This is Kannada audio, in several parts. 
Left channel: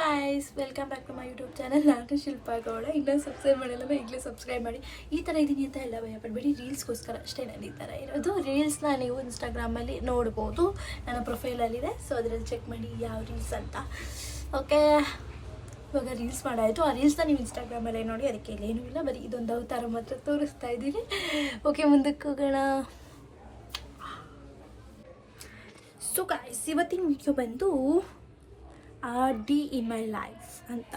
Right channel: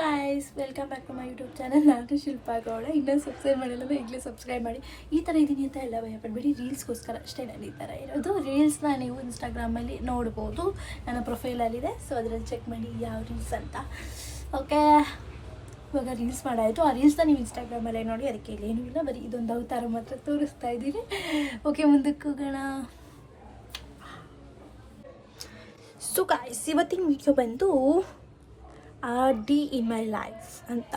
Guys welcome back to my YouTube channel. ನಾನು ಶಿಲ್ಪಾ ಗೌಡ. ಇನ್ನೂ ಸಬ್ಸ್ಕ್ರೈಬ್ ಮಾಡಿಲ್ಲ, ಈಗಲೇ ಸಬ್ಸ್ಕ್ರೈಬ್ ಮಾಡಿ. ಈ ಥರ ಇದ್ದೀನಿ ಅಂತ ಎಲ್ಲ ಭಯಪಡಬೇಡಿ, ರೀಲ್ಸ್ಗೋಸ್ಕರ ಅಷ್ಟೇ ನಾನು ಈ ಥರ ಇರೋದು. ರೀಲ್ಸ್ನ ನೀವು ಇನ್ಸ್ಟಾಗ್ರಾಮಲ್ಲಿ ನೋಡ್ಬೋದು, ನನ್ನ ಪ್ರೊಫೈಲಲ್ಲಿದೆ. ಸೊ ಅದರಲ್ಲಿ ಚೆಕ್ ಮಾಡಿ ಯಾವ ರೀಲ್ಸ್ ಅಂತ. ಓಕೆ, ಇವಾಗ ರೀಲ್ಸ್ ಮಾಡಾಯಿತು. ಆ ರೀಲ್ಸ್ನ ನೀವು ಇನ್ಸ್ಟಾಗ್ರಾಮಲ್ಲೇ ನೋಡಿ, ಅದಕ್ಕೆ ಏನೂ ಇಲ್ಲ, ಬರೀ ಇದೊಂದು ಅವತಾರ ಮಾತ್ರ ತೋರಿಸ್ತಾ ಇದ್ದೀನಿ. ಓಕೆ, ಮುಂದಕ್ಕೆ ಹೋಗೋಣ. ಸೊ ಗಾಯ್ಸ್, ಇವತ್ತಿನ ವಿಡಿಯೋ ಬಂದು RD ಇನ್ ಮೈ ಲೈಫ್ ಅಂತ.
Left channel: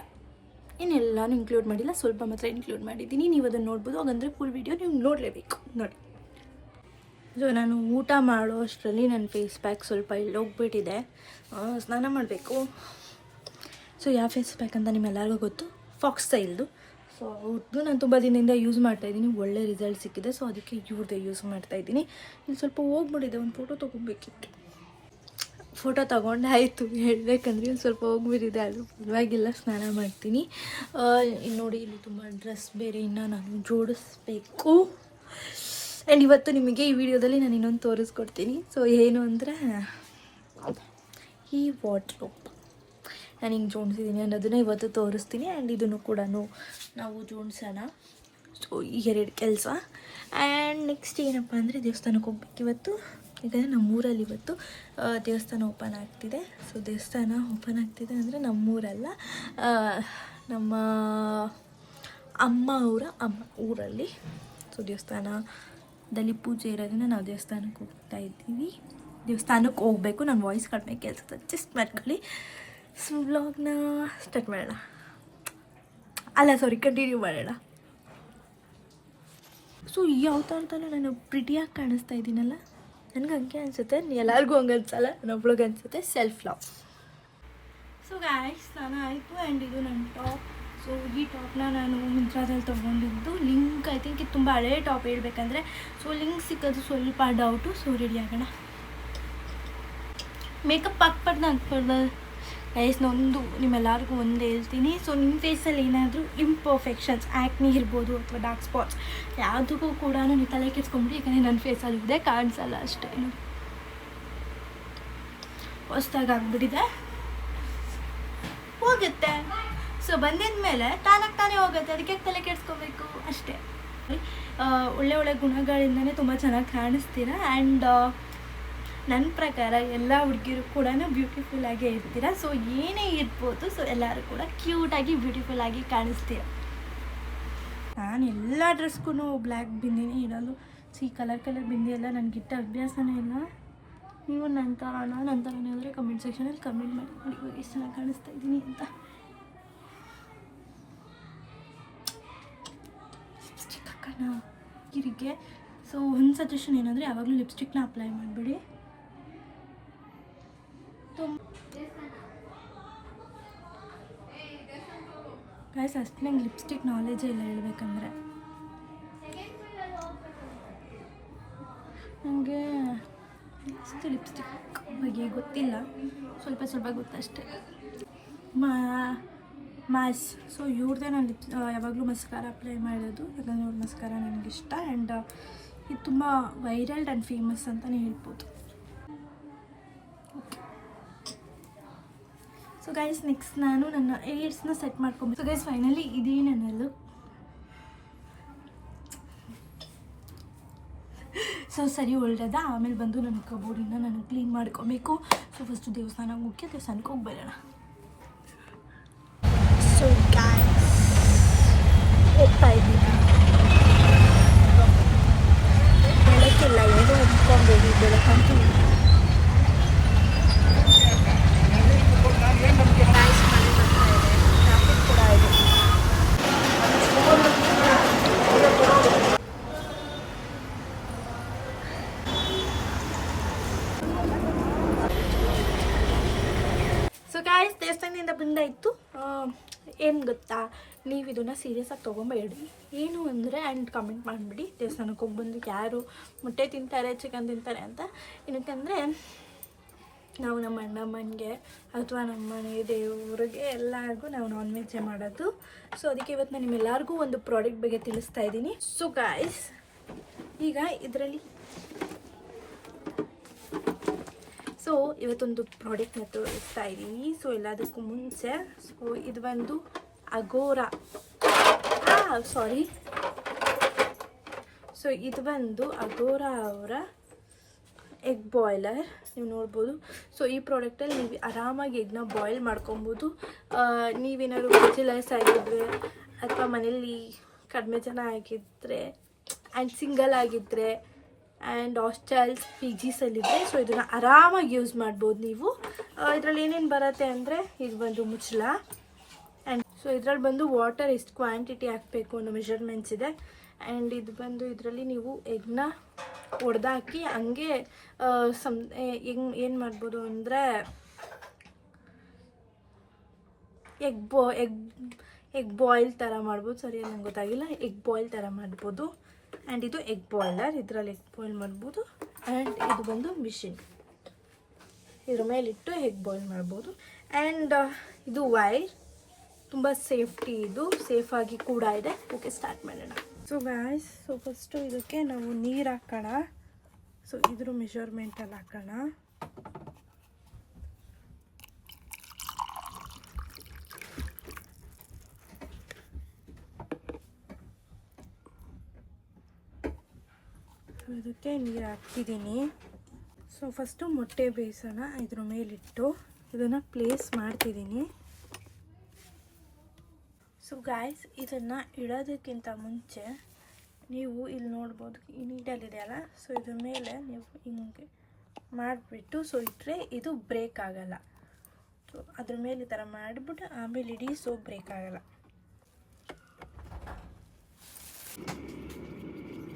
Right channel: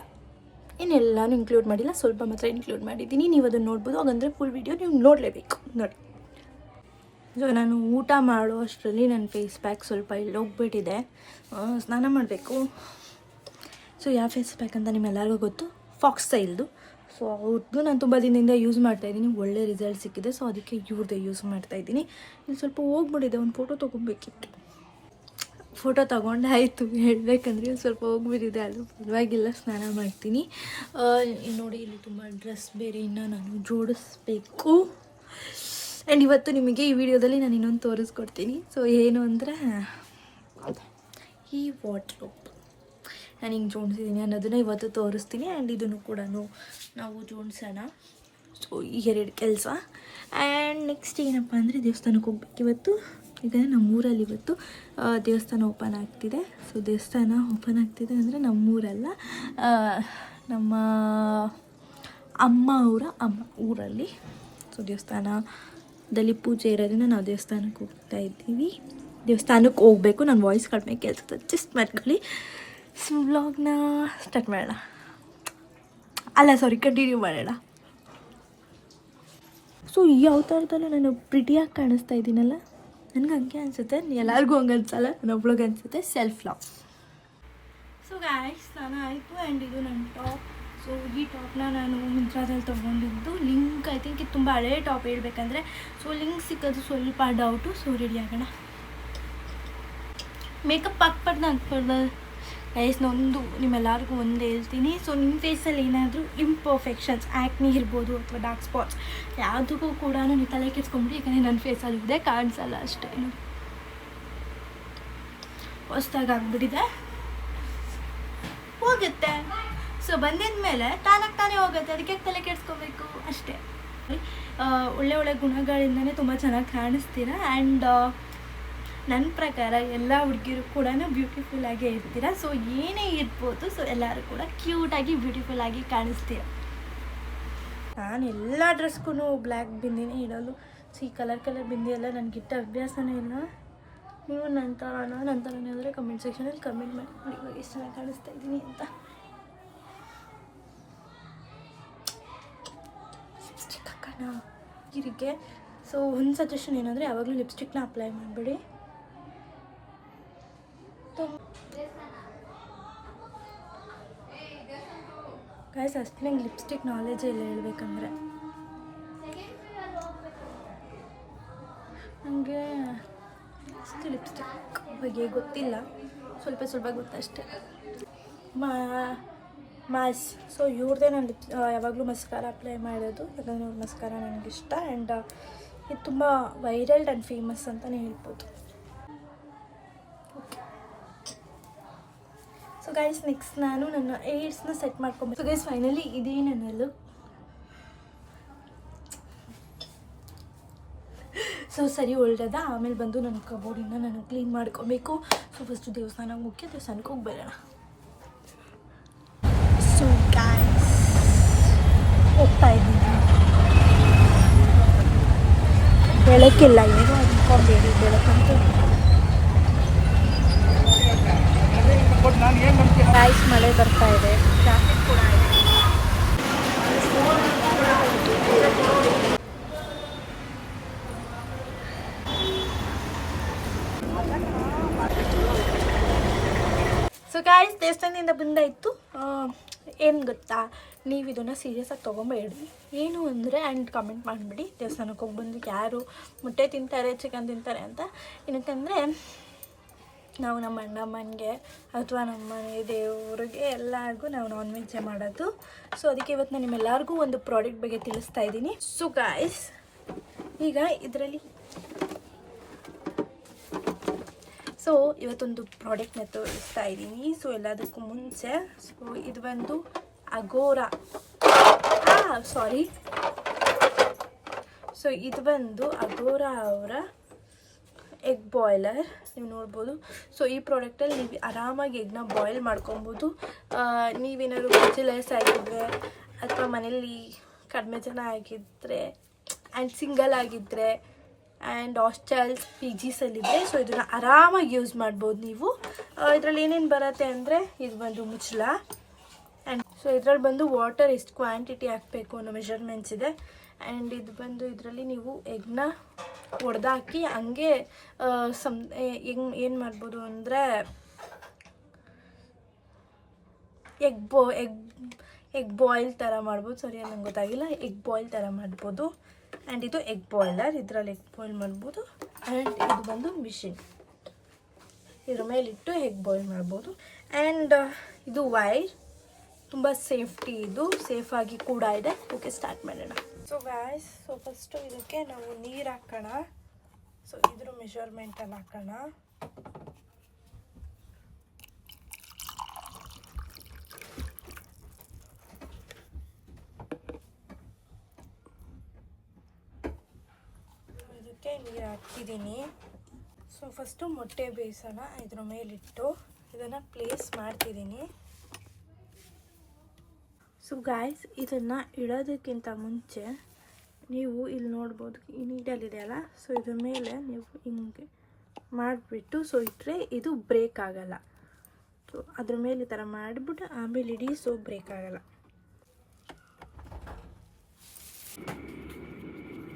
ಏನೆಲ್ಲನೂ ಇನ್ಕ್ಲೂಡ್ ಮಾಡಿಲ್ಲ, ಸ್ವಲ್ಪ ಮಾತ್ರ ಇನ್ಕ್ಲೂಡ್ ಮಾಡಿದ್ದೀನಿ. ನೀವು ಅದನ್ನು ನೋಡ್ಬೋದು. ಹಾಗಂದರೆ ಫುಲ್ ವಿಡಿಯೋ ನೀವು ನೋಡಲೇಬೇಕು, ನೋಡಿ. ಸೊ ನಾನು ಊಟ ಮಾಡೋ ಅಷ್ಟರಲ್ಲಿ ನನ್ನ ಫೇಸ್ ಪ್ಯಾಕ್ ಸ್ವಲ್ಪ ಇಲ್ಲೋಗ್ಬಿಟ್ಟಿದೆ. ಸ್ನಾನ ಮಾಡಬೇಕು. ಸೊ ಯಾವ ಫೇಸ್ ಪ್ಯಾಕ್ ಅಂತ ನಿಮ್ಮೆಲ್ಲರಿಗೂ ಗೊತ್ತು, ಫಾಕ್ಸ್ ಸ್ಟೈಲ್ದು. ಸೊ ಅವ್ರದ್ದು ನಾನು ತುಂಬ ದಿನದಿಂದ ಯೂಸ್ ಮಾಡ್ತಾಯಿದ್ದೀನಿ, ಒಳ್ಳೆ ರಿಸಲ್ಟ್ ಸಿಕ್ಕಿದೆ. ಸೊ ಅದಕ್ಕೆ ಇವ್ರದ್ದೇ ಯೂಸ್ ಮಾಡ್ತಾಯಿದ್ದೀನಿ. ಇಲ್ಲಿ ಸ್ವಲ್ಪ ಹೋಗ್ಬಿಟ್ಟಿದೆ, ಒಂದು ಫೋಟೋ ತೊಗೊಬೇಕಿತ್ತು. ಫೋಟೋ ತೊಗೊಂಡು ಆಯಿತು, ಹೇಳಬೇಕಂದ್ರೆ ಸ್ವಲ್ಪ ಹೋಗ್ಬಿಟ್ಟಿದೆ. ಆದರೂ ಪರವಾಗಿಲ್ಲ, ಸ್ನಾನ ಮಾಡ್ತೀನಿ. ನೋಡಿ, ಇಲ್ಲಿ ತುಂಬ ಡ್ರೆಸ್ ಬೇರೆ ಇನ್ನೂ ನಾನು ಜೋಡಿಸ್ಬೇಕು. ಆ್ಯಂಡ್ ಇವತ್ತು ನಿಮಗೆ ಈ ವಿಡಿಯೋದಲ್ಲಿ ನಾನು ಇನ್ನೊಂದು ತೋರಿಸ್ಕೊಡ್ತೀನಿ. ಸೊ ಏನು ಅಂದರೆ, ಈ ವಾರ್ಡ್ರೋಬ್ ನಾನು ಹಿಂಗೆ ಜೋಡಿಸಿದ್ದೀನಿ ಅನ್ನೋದನ್ನು ಇವತ್ತು ತೋರಿಸ್ತೀನಿ. ಆ್ಯಂಡ್ ಇದನ್ನು ಕೂಡ ನಾವು ಜೋಡಿಸೋಣ. ಸೊ ಈ ಎರಡು ಕೆಲಸ. ಆ್ಯಂಡ್ ನೆಕ್ಸ್ಟ್ ಏನಪ್ಪ ಅಂದರೆ, ದೇವಸ್ಥಾನಕ್ಕೆ ಹೋಗ್ಬೇಕು ಇವತ್ತು. ಯಾಕಂದರೆ ನಮ್ಮೂರಲ್ಲಿ ಇವತ್ತು ದೇವಸ್ಥಾನ ಓಪನ್ ಆಗ್ತಿದೆ. ಸೊ ದೇವಸ್ಥಾನ ಓಪನ್ ಆಗ್ತಿದೆ ಅಂದರೆ ನಮ್ಮೂರಲ್ಲ, ನಮ್ಮ ಅಮ್ಮ ಊರಲ್ಲಿ. ಸೊ ದೇವಸ್ಥಾನದಲ್ಲಿ ಪೂಜೆ ಇರೋದ್ರಿಂದ ನಾವು ದೇವಸ್ಥಾನಕ್ಕೆ ಹೋಗ್ತಾ ಇದ್ದೀವಿ. ದೇವಸ್ಥಾನಕ್ಕೆ ಹೋಗಬೇಕು. ನನ್ನ ವಾಯ್ಸ್ ಕಡಿಮೆ ಕೇಳಿಸುತ್ತೆ, ಅಡ್ಜಸ್ಟ್ ಮಾಡ್ಕೊಳ್ಳಿ. ಸೊ ವ್ಲಾಗ್ನ ಸ್ಟಾರ್ಟ್ ಮಾಡೋಣ. ಕಂಟಿನ್ಯೂ ಮಾಡೋಣ. ಸೊ ಈ ಅವತಾರದಲ್ಲೂ ನಾನು ಪ್ರಿಟಿಯಾಗಿ ಕಾಣಿಸ್ತಾ ಇದ್ದೀನಲ್ಲ, ನನಗೆ ಹಂಗೆ ಅನಿಸುತ್ತೆ. ಎಲ್ಲರಿಗೂ ಹಂಗೆ ಅನ್ಸಲ್ಲ, ನನ್ನೊಬ್ಳಿಗೆ ಅನಿಸುತ್ತೆ. Self love. ಸೊ ಗಾಯ್ಸ್, ಸ್ನಾನ ಆಯಿತು. ಆ್ಯಂಡ್ ಇದು ನನ್ನ ಟಾಪ್. ಸೊ ಈ ಟಾಪ್ನ ನಾನು ಮಿಂತ್ರಾದಲ್ಲಿ ತೊಗೊಂಡಿದ್ದು. ಲಿಂಕ್ ಐ ಥಿಂಕ್ ಇದು ತುಂಬ ಹಳೇ ಟಾಪ್ ಹೇಳ್ಬೇಕಂದ್ರೆ. ಸೊ ಲಿಂಕ್ ಸಿಕ್ಕೋದು ಸ್ವಲ್ಪ ಡೌಟು. ಸೊ ರೆಡಿ ಆಗೋಣ. ಮೇಕಪ್ ಹಾಕ್ಬಾರ್ದು ಗೈಸ್. ಒಂದು ನಿಮ್ಮೆಲ್ಲರಿಗೂ ಒಂದು ಹೇಳ್ತೀನಿ. ಸೊ ನಿಮ್ಮ ಫೇಸಲ್ಲಿ ಏನಾದರೂ ಇಂಪರ್ಫೆಕ್ಷನ್ಸ್, ಆ್ಯಕ್ನಿ ಇರ್ಬೋದು ಅಥವಾ ಡಾರ್ಕ್ ಸ್ಪಾಟ್ಸ್, ಯಾವುದಕ್ಕೂ ಕೂಡ ನೀವು ತಲೆ ಕೆಡ್ಸ್ಕೊಂಬಿಡಿ. ಯಾಕಂದರೆ ನನ್ನ ಫೇಸಲ್ಲಿ ಇದೆ, ಕಾಣಿಸಲ್ಲ ಅಷ್ಟೇ. ಹೊಸ್ದಾಗಿ ಆಗ್ಬಿಟ್ಟಿದೆ, ಹೋಗುತ್ತೆ. ಸೊ ಬಂದಿದ ಮೇಲೆ ತಾನೇ ಹೋಗುತ್ತೆ. ಅದಕ್ಕೆ ತಲೆ ಕೆಡ್ಸ್ಕೊಬೇಕು ಅಷ್ಟೇ. ಒಳ್ಳೆ ಗುಣಗಳಿಂದನೇ ತುಂಬ ಚೆನ್ನಾಗಿ ಕಾಣಿಸ್ತೀರ. ಆ್ಯಂಡ್ ನನ್ನ ಪ್ರಕಾರ ಎಲ್ಲ ಹುಡುಗಿರು ಕೂಡ ಬ್ಯೂಟಿಫುಲ್ಲಾಗೇ ಇರ್ತೀರ. ಸೊ ಏನೇ ಇರ್ಬೋದು, ಸೊ ಎಲ್ಲರೂ ಕೂಡ ಕ್ಯೂಟಾಗಿ ಬ್ಯೂಟಿಫುಲ್ಲಾಗಿ ಕಾಣಿಸ್ತೀರ. ನಾನು ಎಲ್ಲ ಡ್ರೆಸ್ಗೂ ಬ್ಲ್ಯಾಕ್ ಬಿಂದಿನೇ ಇಡೋದು. ಈ ಕಲರ್ ಬಿಂದಿ ಎಲ್ಲ ನನಗಿಟ್ಟ ಅಭ್ಯಾಸನೇ ಇಲ್ಲ. ನೀವು ನನ್ನ ಥರನೇ ಆದರೆ ಕಮೆಂಟ್ ಸೆಕ್ಷನಲ್ಲಿ ಕಮೆಂಟ್ ಮಾಡಿ ಇವಾಗ ಎಷ್ಟು ಚೆನ್ನಾಗಿ ಕಾಣಿಸ್ತಾ ಇದ್ದೀನಿ ಅಂತ. ಲಿಪ್ಸ್ಟಿಕ್ ಹಾಕೋಣ ಹೀರಿಗೆ. ಸೊ ಒಂದು ಸಜೆಷನ್ ಏನಂದರೆ, ಯಾವಾಗಲೂ ಲಿಪ್ಸ್ಟಿಕ್ನ ಅಪ್ಲೈ ಮಾಡಬೇಡಿ. ಗೈಸ್, ಅಷ್ಟು ನಂಗೆ ಲಿಪ್ಸ್ಟಿಕ್ ನಾಲೆಜೇ ಇಲ್ಲ ಹೇಳ್ಬೇಕಂದ್ರೆ. ನನಗೆ ಅಷ್ಟು ಲಿಪ್ಸ್ಟಿಕ್ ಬಗ್ಗೆ ಗೊತ್ತಿಲ್ಲ, ಸ್ವಲ್ಪ ಗೊತ್ತಷ್ಟೇ. ಮಾಸ್. ಸೊ ಇವ್ರದ್ದೇ ನಾನು ಯಾವಾಗಲೂ ಮಸ್ಕಾರ ಅಪ್ಲೈ ಮಾಡೋದು. ಯಾಕಂದರೆ ಇವ್ರ ಮಸ್ಕಾರ ನನಗಿಷ್ಟ. ಆ್ಯಂಡ್ ಇದು ತುಂಬ ವೈರಲ್ ಆ್ಯಂಡ್ ಫೇಮಸ್ ಅಂತಲೇ ಹೇಳ್ಬೋದು. ಓಕೆ, ಸೊ ಗೈಸ್ ನೆಕ್ಸ್ಟ್ ನಾನು ನನ್ನ ಏಡ್ಸ್ನ ಸೆಟ್ ಮಾಡ್ಕೊಬೇಕು. ಸೊ ಗೈಸ್ ಫೈನಲಿ ಇದೇ ನನ್ನ ಲುಕ್. ಸೊ ಸರಿ ಒಳ್ಳೆದ. ಆಮೇಲೆ ಬಂದು ನನ್ನ ಕಬೋರ್ಡಿನ ನಾನು ಕ್ಲೀನ್ ಮಾಡ್ಕೊಬೇಕು. ಸೊ ಫಸ್ಟು ದೇವಸ್ಥಾನಕ್ಕೆ ಹೋಗಿ ಬರೋಣ. ಸೊ ಗೈಸ್ ಹೋಗ್ತಾ ಇದ್ದೀನಿ. ಬೆಳಕಿಲ್ಲ, ಏನೋ ಅಂದ್ಕೊಬೇಡಿ, ಬೆಳಕಂತೂ ಗೈಸ್ ಮಳೆ ಬರ್ತಾ ಇದೆ. ಟ್ರಾಫಿಕ್ ಕೂಡ ಇದೆ. ಸೊ ಗೈಸ್, ದೇವಸ್ಥಾನದಿಂದ ಬಂದಾಯಿತು. ಏನು ಗೊತ್ತಾ, ನೀವು ಇದನ್ನು ಸೀರಿಯಸ್ಸಾಗಿ ತೊಗೊಂಬೇಡಿ. ಏನು ಅಂದರೆ, ಆ್ಯಂಡ್ ಕಮೆಂಟ್ ಮಾಡಿಬಿಡಿ ದೇವಸ್ಥಾನಕ್ಕೆ ಹೋಗಿ ಬಂದು ಯಾರು ಮೊಟ್ಟೆ ತಿಂತಾರೆ, ಚಿಕನ್ ತಿಂತಾರೆ ಅಂತ. ಏನಕ್ಕಂದರೆ ನಾವು ನಮ್ಮ ಅಣ್ಣಮ್ಮನಿಗೆ ಅಥವಾ ನಮ್ಮ ಮನೆ ದೇವ್ರಿಗೆ ಎಲ್ಲರಿಗೂ ನಾವು ನಾನ್ ವೆಜ್ಜೇ ಮಾಡೋದು. ಸೊ ಅದಕ್ಕೆ ಇವತ್ತು ನಾನು ನಿಮ್ಮೆಲ್ಲರಿಗೂ ಒಂದು ಪ್ರಾಡಕ್ಟ್ ಬಗ್ಗೆ ತಿಳಿಸ್ತಾ ಇದ್ದೀನಿ. ಸೊ ಗಾಯ್ಸ್, ಈಗ ಇದರಲ್ಲಿ ಸೊ ಇವತ್ತೊಂದು ಪ್ರಾಡಕ್ಟ್ನ ತೋರಿಸ್ತಾ ಇದ್ದೀನಿ. ಸೊ ಎಲ್ಲದಕ್ಕೂ ಮುಂಚೆ ಸೊ ಇದು ಬಂದು ಅಗೋರಾ ಸೊ ಇದು ಬಂದು ಅಗೋರಾ ಅವರ ಎಗ್ ಬಾಯ್ಲರ್ ನೀವು ನೋಡ್ಬೋದು. ಸೊ ಈ ಪ್ರಾಡಕ್ಟಲ್ಲಿ ನೀವು ಆರಾಮಾಗಿ ಎಗ್ನ ಬಾಯ್ಲ್ ಮಾಡ್ಕೊಬೋದು. ನೀವೇನಾದ್ರು ಬ್ಯಾಚುಲರ್ಸ್ ಆಗಿದ್ದರೆ ಅಥವಾ ಮನೇಲಿ ಕಡಿಮೆ ಜನ ಆಗಿದ್ದರೆ ಆ್ಯಂಡ್ ಸಿಂಗಲ್ ಆಗಿದ್ದರೆ ಆ್ಯಂಡ್ ಹಾಸ್ಟೆಲ್ಸ್ PGಸಲ್ಲಿದ್ದರೆ ಸೊ ಇದನ್ನು ಆರಾಮಾಗಿ ಯೂಸ್ ಮಾಡ್ಬೋದು ನೀವು. ಇದರಲ್ಲಿ ಏನೇನು ಬರುತ್ತೆ ಅಂದರೆ ಇದು ಬಂದು ಮುಚ್ಚಳ ಆ್ಯಂಡ್ ಸೊ ಇದರಲ್ಲಿ ಬಂದು ವಾಟರ್ ಎಷ್ಟು ಕ್ವಾಂಟಿಟಿ ಹಾಕಬೇಕು ಅನ್ನೋ ಮೆಷರ್ಮೆಂಟ್ಸ್ ಇದೆ. ಆ್ಯಂಡ್ ಇದು ಬಂದು ಇದರಲ್ಲಿ ನೀವು ಎಗ್ನ ಹೊಡೆದಾಕಿ ಹಂಗೆ ಏನು ಮಾಡ್ಬೋದು ಅಂದರೆ ಎಗ್ ಬಾಯ್ಲ್ ಥರ ಮಾಡ್ಬೋದು. ಸರಿಯಾಗಿ ನಂಗೆ ಗೊತ್ತಾಗಿಲ್ಲ. ಎಗ್ ಬಾಯ್ಲ್ ಥರ ಮಾಡ್ಬೋದು. ಆ್ಯಂಡ್ ಇದು ಎಗ್ ಬಾಯ್ಲರ್, ಇದರಲ್ಲಿ ಎಗ್ ಬಾಯ್ಲ್ ಮಾಡ್ಬೋದು. ಆ್ಯಂಡ್ ಇದು ಬಂದು ಮಿಷಿನ್, ಇದ್ರ ಮೇಲಿಟ್ಟು ಎಗ್ ಬಾಯ್ಲ್ ಮಾಡ್ಬೋದು. ಆ್ಯಂಡ್ ಇದು ವೈರ್, ತುಂಬ ಸೇಫ್ಟಿ, ಇದು ಸೇಫಾಗಿ ಕೂಡ ಇದೆ. ಓಕೆ, ಸ್ಟಾರ್ಟ್ ಮಾಡೋಣ. ಸೊ ಗಾಯ್ಸ್, ಸೊ ಫಸ್ಟು ಇದಕ್ಕೆ ನಾವು ನೀರು ಹಾಕೋಣ. ಸೊ ಇದ್ರ ಮೆಷರ್ಮೆಂಟಲ್ಲಿ ಹಾಕೋಣ. ಇದಕ್ಕೆ ನೀರು ಹಾಕಿದ್ದೀನಿ. ಸೊ ಫಸ್ಟು ಮೊಟ್ಟೆ ಬೇಯಿಸೋಣ. ಇದ್ರ ಮೇಲಿಟ್ಟು ಇದನ್ನು ಪ್ಲೇಸ್ ಮಾಡ್ತಿದ್ದೀನಿ. ಸೊ ಗಾಯ್ಸ್, ಇದನ್ನು ಇಡೋದಕ್ಕಿಂತ ಮುಂಚೆ ನೀವು ಇಲ್ಲಿ ನೋಡ್ಬೋದು, ಈ ನೀಡಲ್ಲಿದೆಯಲ್ಲ, ಸೊ ಇದ್ರ ಮೇಲೆ ನೀವು ಹಿಂಗೆ ಮಾಡಿಬಿಟ್ಟು ಸೊ ಇಟ್ಟರೆ ಇದು ಬ್ರೇಕ್ ಆಗೋಲ್ಲ. ಸೊ ಅದ್ರ ಮೇಲೆ ಈ ಥರ ಮಾಡಿಬಿಟ್ಟು ಆಮೇಲೆ ಇಡೀ, ಸೊ ಬ್ರೇಕ್ ಆಗೋಲ್ಲ.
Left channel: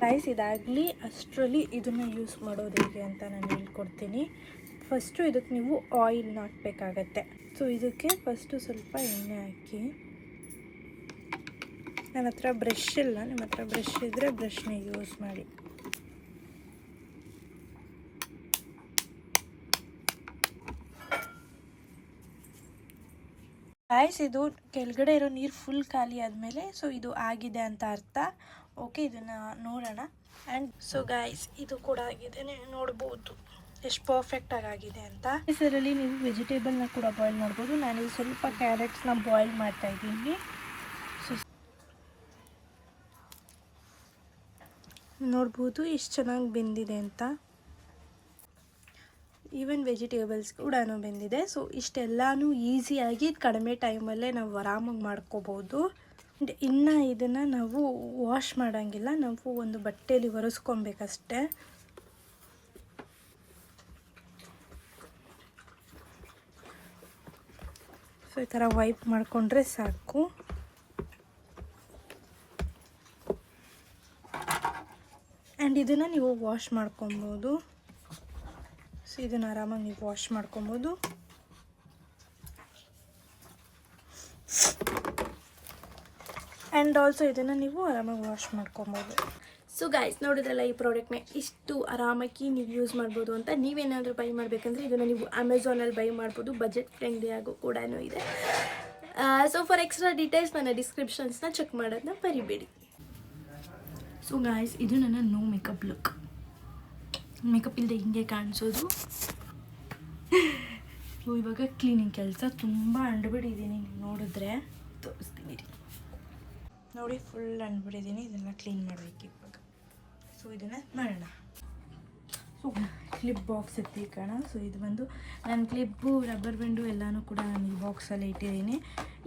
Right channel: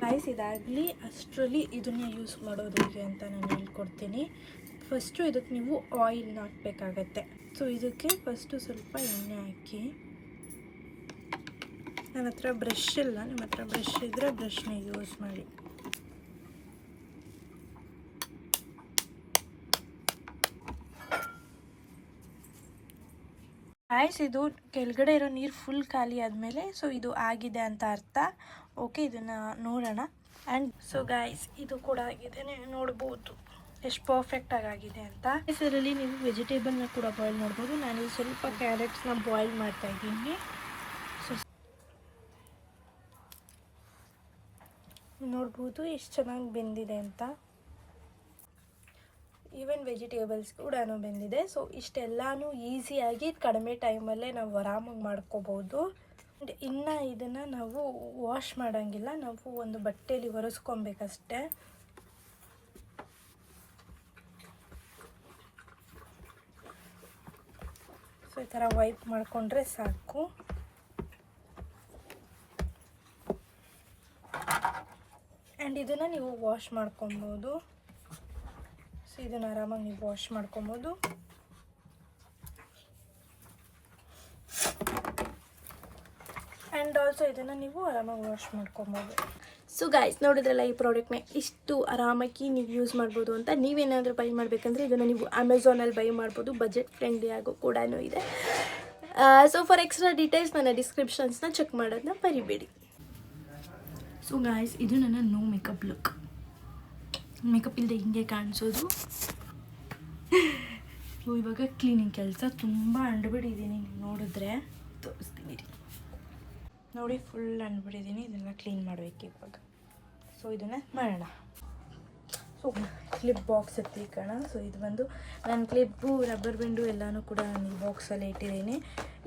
ಗಾಯ್ಸ್, ಇದಾಗಲಿ ಅಷ್ಟರಲ್ಲಿ ಇದನ್ನು ಯೂಸ್ ಮಾಡೋದು ಹೇಗೆ ಅಂತ ನಾನು ಹೇಳ್ಕೊಡ್ತೀನಿ. ಫಸ್ಟು ಇದಕ್ಕೆ ನೀವು ಆಯಿಲ್ನ ಹಾಕಬೇಕಾಗತ್ತೆ. ಸೊ ಇದಕ್ಕೆ ಫಸ್ಟು ಸ್ವಲ್ಪ ಎಣ್ಣೆ ಹಾಕಿ, ನನ್ನ ಹತ್ರ ಬ್ರಷ್ ಇಲ್ಲ, ನಿಮ್ಮ ಹತ್ರ ಬ್ರಷ್ ಇದ್ದರೆ ಬ್ರಷ್ನ ಯೂಸ್ ಮಾಡಿ. ಗಾಯ್ಸ್, ಇದು ಕೆಳಗಡೆ ಇರೋ ನೀರು ಫುಲ್ ಖಾಲಿ ಆದಮೇಲೆ ಸೊ ಇದು ಆಗಿದೆ ಅಂತ ಅರ್ಥ. ಓಕೆ, ಇದನ್ನು ನೋಡೋಣ. ಆ್ಯಂಡ್ ಸೊ ಗಾಯ್ಸ್, ಇದು ಕೂಡ ಆಗಿದೆ, ನೀವು ನೋಡ್ಬೋದು ಎಷ್ಟು ಪರ್ಫೆಕ್ಟಾಗಿ ಆಗಿದೆ ಅಂತ. ಇದರಲ್ಲಿ ನೀವು ವೆಜಿಟೇಬಲ್ನ ಕೂಡ ಬಾಯ್ಲ್ ಮಾಡ್ಬೋದು. ನಾನು ಸ್ವಲ್ಪ ಕ್ಯಾರೆಟ್ಸ್ನ ಬಾಯ್ಲ್ ಮಾಡ್ತಾಯಿದ್ದೀನಿ. ಸೊ ನೋಡ್ಬೋದು ಎಷ್ಟು ಚೆನ್ನಾಗಿ ಬೆಂದಿದೆ ಅಂತ. ಈವನ್ ವೆಜಿಟೇಬಲ್ಸ್ ಕೂಡ ಬೆಂದಿದೆ. ಸೊ ಇಷ್ಟೆಲ್ಲನೂ ಈಸಿಯಾಗಿ ಕಡಿಮೆ ಟೈಮಲ್ಲೇ ನಾವು ಆರಾಮಾಗಿ ಮಾಡ್ಕೋಬೋದು. ಇನ್ನು ಇದನ್ನು ನಾವು ವಾಶ್ ಮಾಡೋಂಗಿಲ್ಲ, ನಾವು ಒಂದು ಬಟ್ಟೆಯಲ್ಲಿ ಒರೆಸ್ಕೊಬೇಕಷ್ಟೆ. ಸೊ ಈ ಥರ ವೈಪ್ ಮಾಡಿಕೊಂಡ್ರೆ ಸಾಕು. ಆ್ಯಂಡ್ ಇದನ್ನು ನೀವು ವಾಶ್ ಮಾಡ್ಕೊಬೋದು. ಸೊ ಇದನ್ನು ಆರಾಮಾಗಿ ನೀವು ವಾಶ್ ಮಾಡ್ಕೊಬೋದು. ಆ್ಯಂಡ್ ಆಲ್ಸೋ ಇದನ್ನು ನೀವು ಆರಾಮಾಗಿ ವಾಶ್ ಮಾಡ್ಕೊಬೋದು. ಸೊ ಗಾಯ್ಸ್, ನೋಡಿದ್ರಲ್ಲ ಈ ಪ್ರಾಡಕ್ಟ್ನ ಇಷ್ಟು ಆರಾಮಾಗಿ ನೀವು ಯೂಸ್ ಮಾಡ್ಬೋದು ಅಂತ. ನೀವೇನಾದರೂ ಬೈ ಮಾಡಬೇಕಂದ್ರೆ ಇದನ್ನು ನೀವು ಅಮೆಝಾನಲ್ಲಿ ಬೈ ಮಾಡ್ಬೋದು. ಬಜೆಟ್ ಫ್ರೆಂಡ್ಲಿ ಆಗೋ ಕೂಡ ಇದೆ. ಸೊ ಫಾರ್ ಎಕ್ಸ್ಟ್ರಾ ಡೀಟೇಲ್ಸ್ ನನ್ನ ಡಿಸ್ಕ್ರಿಪ್ಷನ್ಸ್ನ ಚೆಕ್ ಮಾಡೋದನ್ನ ಮರಿಬೇಡಿ. ಸೊ ಗಾಯ್ಸ್, ಇದು ನನ್ನ ನೋ ಮೇಕಪ್ ಲುಕ್. ಮೇಕಪ್ ಇಲ್ಲದೆ ಹಿಂಗೆ ಕಾಣಿಸೋದು. ಇವಾಗ ಕ್ಲೀನಿಂಗ್ ಕೆಲಸ ತುಂಬ ಅಂಡ್ಬಿಟ್ಟಿದ್ದೀನಿ. ನೀವು ನೋಡಿದ್ರೆ ತೋರಿಸ್ತೀನಿ ನೋಡಿ, ಫುಲ್ ಅಂಡ್ಬಿಟ್ಟಿದ್ದೀನಿ. ಇದೆಲ್ಲ ಕ್ಲೀನ್ ಮಾಡಬೇಕು ಇವಾಗ. ಸೊ ಇದನ್ನು ಮಾಡೋಣ. ಸೊ ಕ್ಲಿಪ್ ಬಾಕ್ಸ್ ಎತ್ತಿಕೋಣ. ಸೊ ಇದು ಬಂದು ನಾನು ಕ್ಲಿಪ್ಪು, ರಬ್ಬರ್ ಬ್ಯಾಂಡು ಎಲ್ಲನೂ ಕೂಡ ನಾನು ಈ ಬಾಕ್ಸಲ್ಲೇ ಇಟ್ಟಿದ್ದೀನಿ.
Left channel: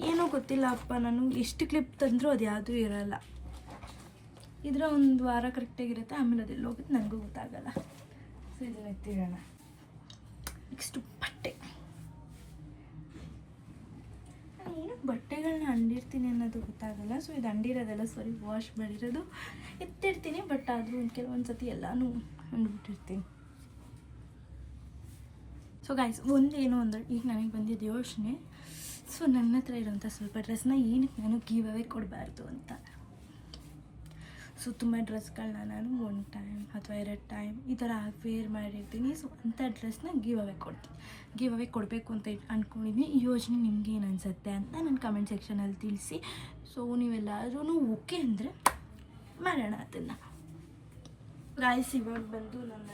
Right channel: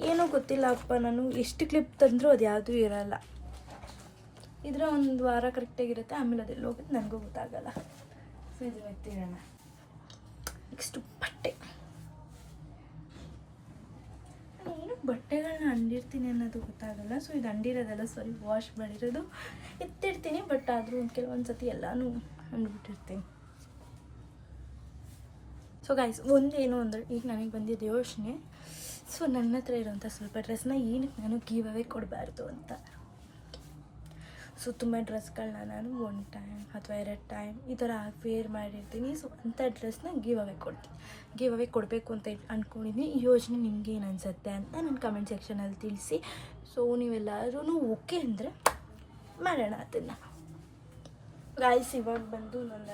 ಏನೋ ಗೊತ್ತಿಲ್ಲ ಅಪ್ಪ, ನಾನು ಎಷ್ಟು ಕ್ಲಿಪ್ ತಂದರೂ ಅದು ಯಾವುದೂ ಇರೋಲ್ಲ. ಇದರ ಒಂದು ವಾರ ಕರೆಕ್ಟಾಗಿರುತ್ತೆ, ಆಮೇಲೆ ಅದೆಲ್ಲ ಹೋಗುತ್ತೆ, ನನಗೂ ಗೊತ್ತಾಗಲ್ಲ. ಸೊ ಇದನ್ನು ಎತ್ತಿರೋಣ. ನೆಕ್ಸ್ಟು ಬಟ್ಟೆ. ನಾನು ಏನು ಬಟ್ಟೆಗಳನ್ನ ಅಂಡಿರ್ತೀನಿ ಅನ್ನೋದು ಗೊತ್ತಾಗಲ್ಲ. ಸೊ ಇದು ಅಂಡಿರೋದಲ್ಲ, ಸಾರಿ, ವಾಶ್ ಮಾಡಿರೋದು ಎತ್ತಿರ್ತೀನಿ. ಬಟ್ ಆದರೂ ಒಂದು ಕೆಲವೊಂದು ಸತಿ ಎಲ್ಲನೂ ಅಂದ್ಬಿಟ್ಟಿರ್ತೀನಿ. ಸೊ ಗಾಯ್ಸ್, ಒಂದೇನು ಅಂದರೆ ಈಗ ನನಗೆ ಬಂದಿದ್ದ ಯೋಚನೆ, ಸೊ ನನ್ನ ಹತ್ರ ಇರೋಂಥ ಸ್ವಲ್ಪ ಡ್ರೆಸ್ನ ಏನಕ್ಕೆ ನಾನು ಗಿವ್ ಅವೇ ಕೊಡಬಾರ್ದು ಅಂತ. ಸೊ ತುಂಬ ಡ್ರೆಸ್ಗಳನ್ನ ನಾನು 1 ಟೈಮ್ ಅಥವಾ 2 ಟೈಮ್ ಈ ಥರ ವೇರ್ ಮಾಡಿರ್ತೀನಿ. ಸೊ ಅಂಥ ಡ್ರೆಸ್ನ ಗಿವ್ ಅವೇ ಕೊಡ್ತೀನಿ. ಗಿವ್ ಅವೇ ಕೊಡಬೇಕು ಅಂತ ಅಂದ್ಕೊಂಡಿದ್ದೀನಿ. ಈ ಯೋಚನೆ ನಿಮ್ಗೆ ಏನು ಅನಿಸುತ್ತೆ ಅಂತ ನನ್ನ ಕಮೆಂಟ್ ಸೆಕ್ಷನಲ್ಲಿ ತಿಳಿಸಿ. ಸೊ ನೀವೆಲ್ಲರೂ ಓಕೆ ಅಂದರೆ ಮಾಡೋಣ ಅದನ್ನು. ಗಾಯ್ಸ್, ಇವಾಗ ಬಂದು ನನ್ನ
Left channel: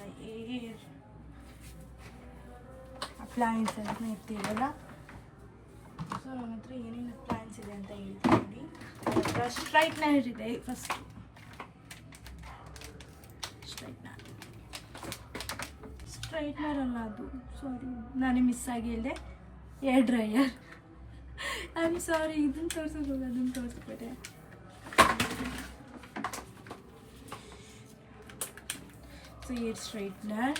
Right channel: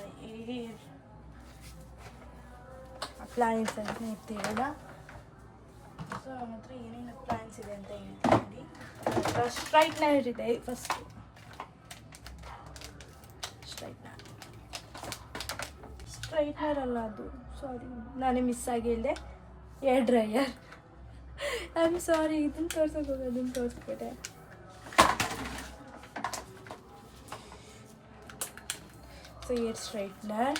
ಪ್ಲ್ಯಾನ್ಸ್ ಅಂತ ಇರ್ತೀವಲ್ಲ. ಸೊ ನಮ್ಮ ಹತ್ರ ಏನೇನು ಪ್ಲ್ಯಾನ್ಸ್ ಇದೆ ಅಂತ ಹೇಳ್ತೀನಿ. ಸ್ಟ್ರೈಟ್ನರ್ ಇದೆ ಫಸ್ಟು. ಸ್ಟ್ರೈಟ್ನರ್ ಅಲ್ಲ ಅದು, ಸಾರಿ ನಾನೇ ಮಿಸ್ ಆಗಿ ಹೇಳಿದೆ, air dryer. I am sorry, ಇದನ್ನು ತೋರ್ಸೋಕೆ ಹೋಗಿ ಅದನ್ನು ತೋರಿಸ್ಬಿಟ್ಟೆ. So air straightener.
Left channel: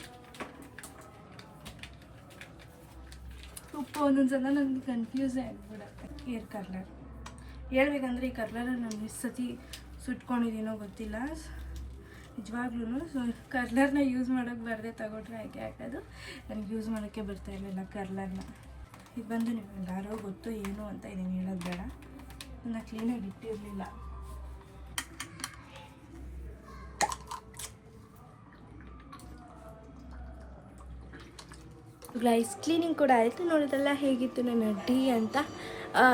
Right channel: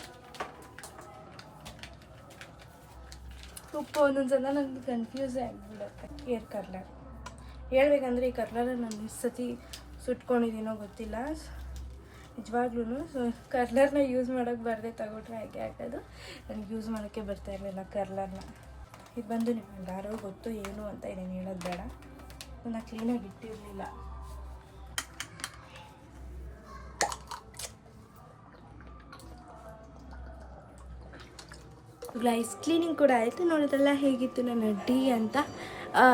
ಒಂದೊಂದ್ಸಲ ನನಗೆ ಕನ್ಫ್ಯೂಸೇ ಆಗಿಬಿಡುತ್ತೆ. ಏರ್ ಕರ್ಲರ್ ಹೇಳ್ಬೇಕಂದ್ರೆ ಈ ಕರ್ಲರಲ್ಲಿ ನಾನು ಎಷ್ಟು ಸತಿ ಸುಟ್ಕೊಂಡಿದ್ದೀನೋ ಗೊತ್ತಿಲ್ಲ. ನಿಜವಾಗ್ಲೂ ಕರ್ಲರ್ನ ಯೂಸ್ ಮಾಡೋಕ್ಕೆ ಬರದೆ ತಗೊಂಡ್ರೆ ಹಾಗೆ ಹಾಕೋದು. ನನಗೆ ಯೂಸ್ ಮಾಡೋಕ್ಕೆ ಬರ್ತಾ ಇರಲಿಲ್ಲ ಕರ್ಲರ್ನ. ಇದು ಬಂದು ನಿಮ್ಗೆ ಯಾರೋ ಗೊತ್ತು ಏನು ಅಂತ ಏನೇನು ಹೇಳೋದು ಬೇಡ, ನನ್ನ ಕ್ಲೀನಾಗಿ ಇಟ್ಟಿರಲಿಲ್ಲ. ಗ್ಲೈಸ್ ಕ್ಲೀನಿಂಗ್ ಕೂಡ ಆಯಿತು. ನೋಡೋದೆಲ್ಲ ಹೇಗಿತ್ತು ನನ್ನ ಡಿ ಅಂತ.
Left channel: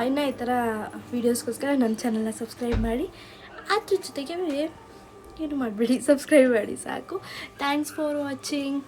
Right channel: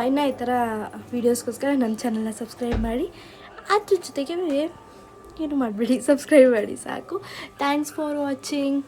ಇನ್ನು ಈ ಥರ ವೀಡಿಯೋಸ್ಗೋಸ್ಕರ ನನ್ನ ಚಾನಲ್ನ ಸಬ್ಸ್ಕ್ರೈಬ್ ಮಾಡಿ. ಅದ್ರ ಜೊತೆಗೆ ಏನು ಮಾಡಬೇಡಿ, ಸಬ್ಸ್ಕ್ರೈಬ್ ಮಾಡಿ ಸಾಕು. Thanks for watching.